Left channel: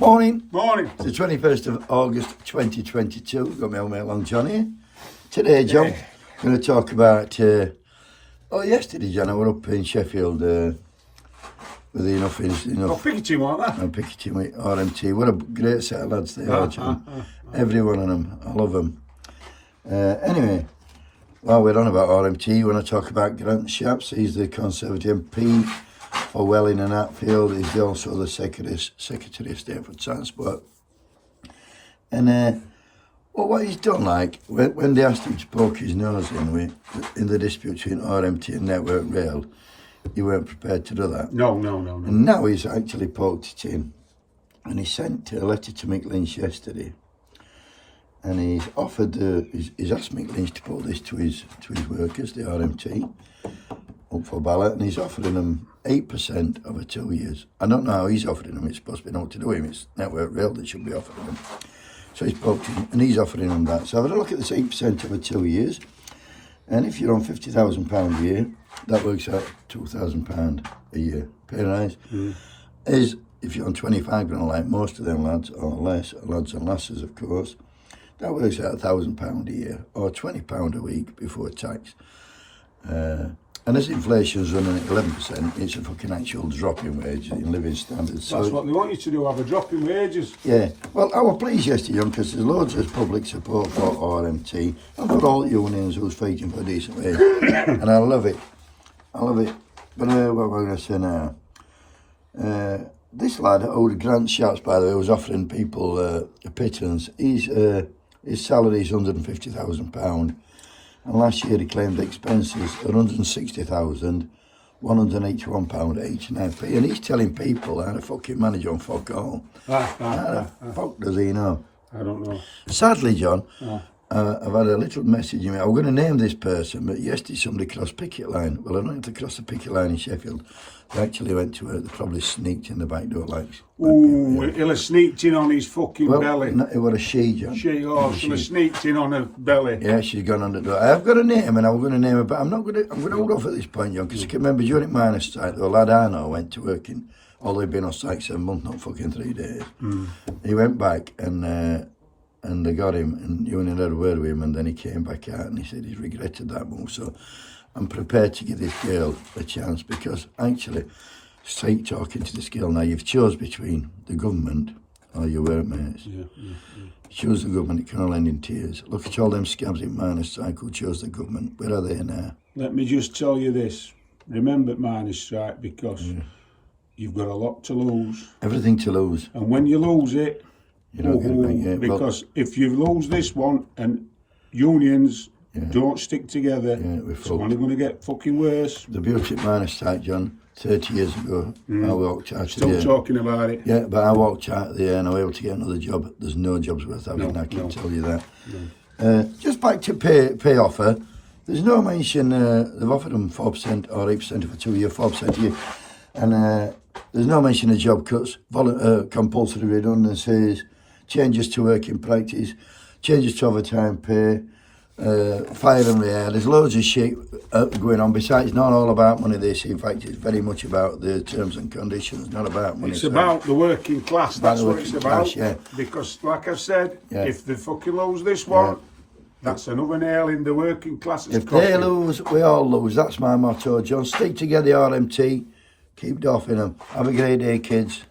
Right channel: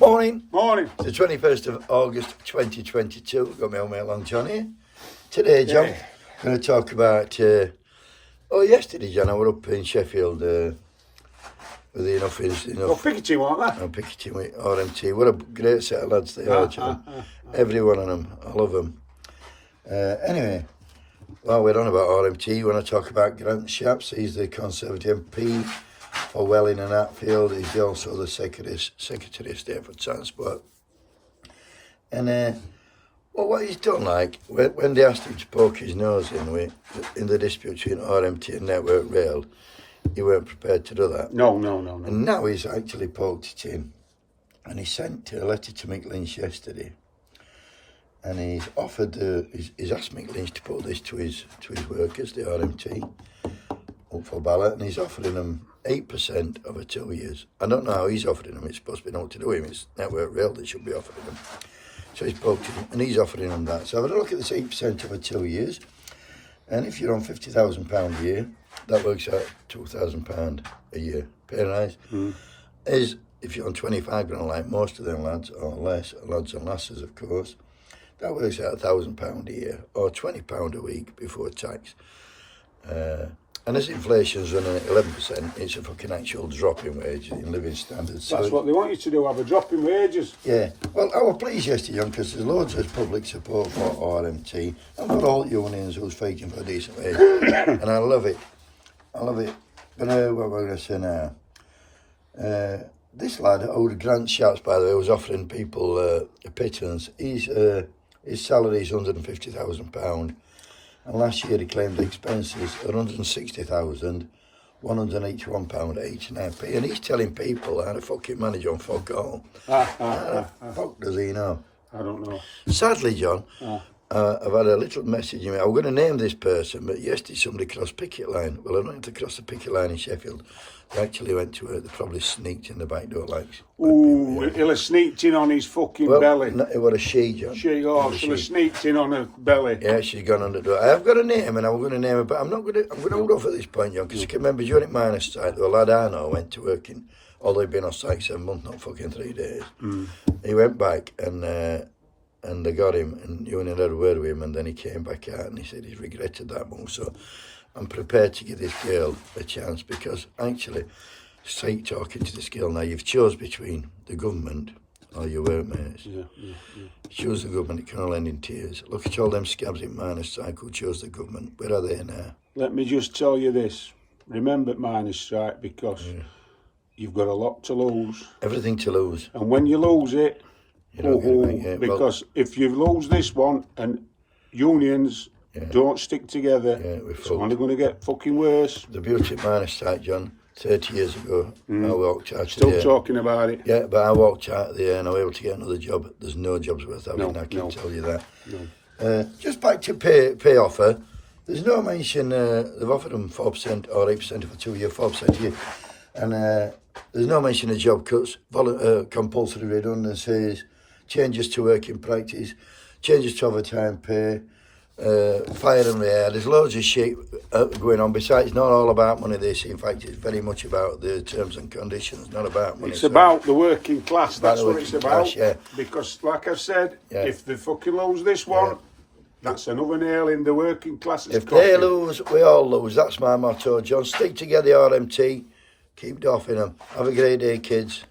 Morning. Morning. It's the 21st of August 2022. Got my old mate Long John here. Today, John, I'm going to talk about... yesterday, John, I was up in Sheffield with enough... Picketing, weren't they? Picketing with RMT. What a great set of lads they are, John. Every one of them. I love them. Anyway, while we're on about RMT, when I talk about Grant Shapps, he's the Conservative MP for Welling and Hatfield. He's also the Secretary of State for Transport. And what he's done, like, when they asked him to poke his nose in the dispute between RMT and Network Rail, he weren't prepared to do that. No. And now he's actually poked it in. And he sent a letter to Mick Lynch yesterday. And he's offered, he's asked Mick Lynch to put this to his workers, the RMT, up for ballot, and he's offering them 8% over 2 years. I don't know how he's offering them. It's supposed to be nothing to do with him. It's Network Rail that should be offering them. So he's poked him, and he's offering them that. So have a look at this 8% over 2 years. And if you're on £50,000 a year, that works out £2,000 a year. Pay rise. Is if you're on 25 grand, like most of them lads, or less, lads and lasses, of course, that works out £1,000 a year, or £20 a week before tax. And as inflation's running at 11%, it's a fucking actual drop in wages in living standards. That's what they want you to do, have a drop in wages. Yeah. Well, I was pleased yesterday, because there's loads of public support for RMT. I've got all unions who's fighting for a decent wage, and I love it. But what am I going to say now? This lad, Grant Shapps, by the way, was offering people a pittance. His salary is £150,000. And last year he claimed the expenses are £160,181 £89p. And he's telling people how to fucking manage on fuck all. Fuck does he know? I don't know. Sadly, John, I've had a little message in me. I'm going to name this person, but yesterday somebody crossed picket line. Well, I don't have to cross the picket line in Sheffield. They actually went to work. They probably sneaked in the back door like... Ooh, he'll have sneaked in on his fucking belly. No, it was a she, John. She'll have sneaked in on her belly. Yeah, she's gone under the door. I've got a name, and I'm going to name her, but I'm going to hold off at this point, John, because I can remember during minor strike, the lad I know went to work in, although he'd been on strike 7 months, not fucking 3 days. He went back, and they got him, and Union had a word with him, and then he came back out, and he said he's regretted that move. So I'm prepared to give this girl a chance, because actually, straight talking to this girl now, you've chose between the government or your workmates. You choose the government, it can all end in tears. Look at all them scabs in minor strike who chose the government. Where are they now? Let me just tell you this. Remember minor strike, because you've got a lot to lose. Everything to lose. And when you lose it, you don't get it back, yeah. Because if you lose this one and unions don't stick together, it's only going to get fucking worse. The beauty of minor strike, John, 30 years ago, I walked out of there. Still talking about it. Yeah, but I walked out of there and I was able to get another job. There's no jobs worth having, I can tell you that. Just back to pay offer, there's no mention, they've offered them 4% or 8% for 2 years, 4% a year. And there's no mention of job cuts, compulsory redundancies, changes to working practice, changes to overtime pay, fire and air. There's loads of shit going on. Besides, it's not all about money, this. In fact, it's very much about the terms and conditions, not about money. It's about the working class. That's what it's about. Class, yeah. Because, like I've said, if they fucking lose this one, that's another nail in the working class. If they lose, we all lose. That's my motto, John. Stick together, RMT. Keep doffing them. Have a great day, kids.